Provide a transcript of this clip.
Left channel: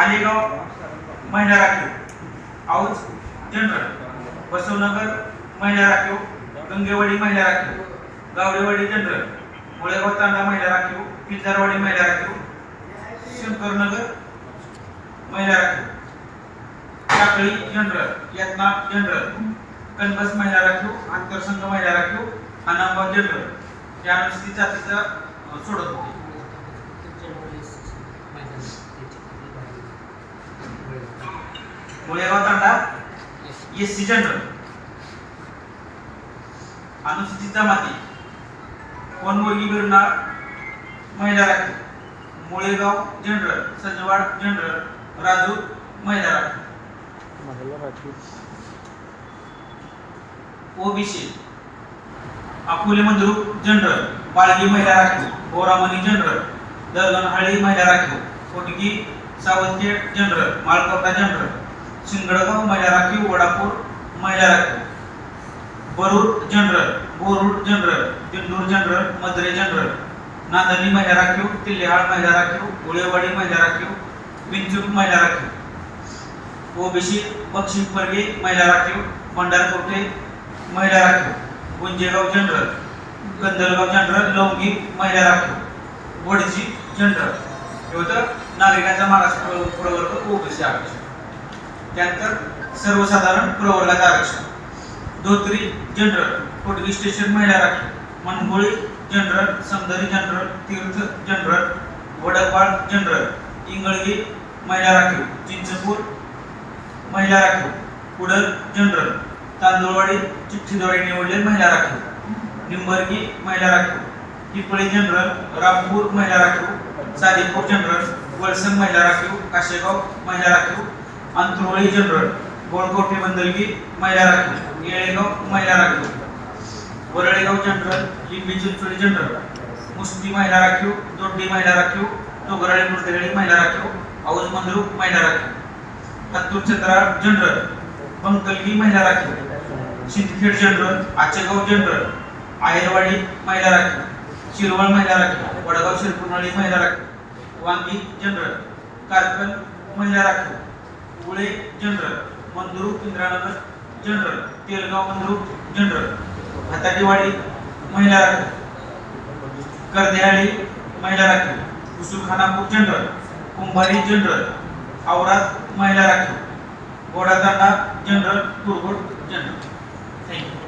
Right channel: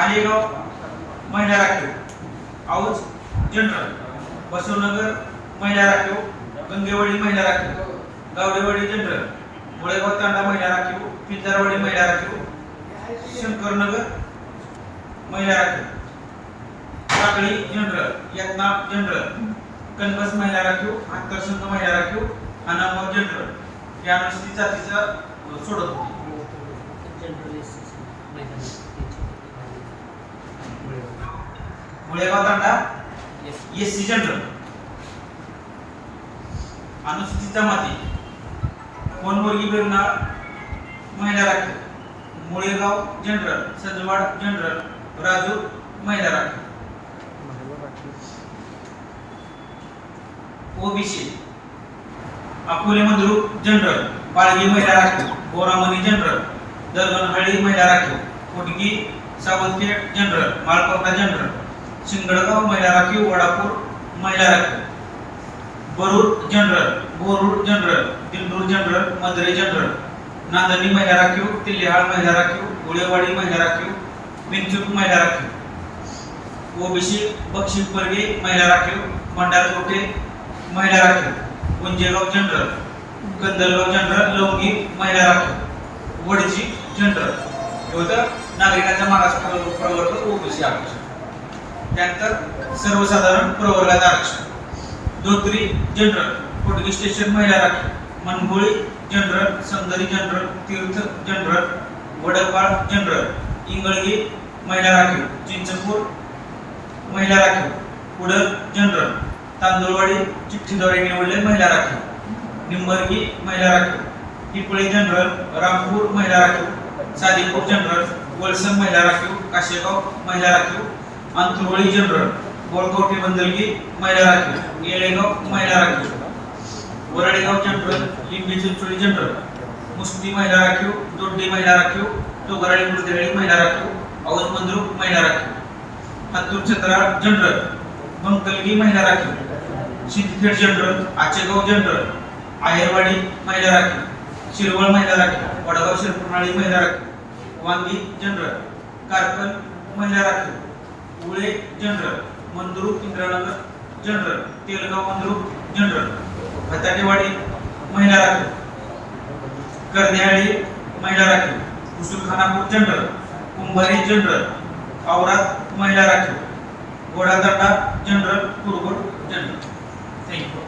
आलेगाव महिला राखीव. औज जनरल बसवनगर महिला राखीव. गंगेवाडी महिला राखीव. गावडेवाडी जनरल मुळेगाव तांडा महिला राखीव. पिंजारवाडी महिला राखीव. शंकरनगर महिला राखीव. टाकळी जनरल यातना जनरल कनबस महिला राखीव. आंतरसंघ महिला राखीव. अनामगाव जनरल या अनुसूचित जातीचा सोडत होती. Mulegaon Tanda S C general अनुसूचित जमाती कोणबोर्गी बिरनाळ महिला राखीव मुळेगाव जनरल सजवाड जनरल राजूर महिला राखीव ओबीसी अकोले मंद्रुप जनरल बाळगी महिला राखीव बोरामणी जनरल दरगणहळ्ळी महिला राखीव कोटगी सावंतखेड जनरल माळकोटा जनरल शिंगडगाव महिला राखीव वडापूर महिला राखीव Barud general Borud general Dindur general Madare general. Nandani महिला राखीव तिल्लेहाळ महिला राखीव गोळेवाडी महिला राखीव विंचूक महिला राखीव ओबीसी बक्षी महिला राखीव मंडारकोटे महिला राखीव गुंजेगाव जनरल कंदलगाव जनरल लवंगी महिला राखीव वडची जनरल. हे होतं नागरिकांचा मागास प्रवर्ग ओबीसी आरक्षण. त्यानंतर सर्वसाधारण प्रवर्गात आरक्षण. धोत्री जनरल कोटगी स्टेशन महिला राखीव Mangoli general Samdari general Tirth general Wadpal general. Ingalgi महिला राखीव चिंचपूर महिला राखीव कुडल जनरल. तांदूळवाडी चिठ्ठीद्वारे निवडले महिला राखीव निंबर्गी महिला राखीव पिपळे जनरल रामपूर महिला राखीव सादीपूर जनरल वळसम महिला राखीव काशेगाव महिला राखीव अंतरवळी जनरल गोळकवटे बंदरगी महिला राखीव येळेगाव महिला राखीव वरळेगाव जनरल लिंबी चिंचोली जनरल मुस्ती महिला राखीव दोड्डी महिला राखीव तोगराळी मुर्देगळी महिला राखीव औज मंद्रुप महिला राखीव हत्तूर चंद्राळ जनरल बंकलगी महिला राखीव सिंदखेड जनरल आचेगाव जनरल आहेरवाडी महिला राखीव शिरवळ महिला राखीव वडगाव शिरपुरमाळी महिला राखीव वांगी जनरल कारकन महिला राखीव Ule general Mandrup Indranagar general Telgaon Mandrup general Bhatatiwadi महिला राखीव कर्देहाळी महिला राखीव उसूलखानापूर जनरल कुंभारी जनरल औरात महिला राखीव Ghodadanda general Kurgod general thank you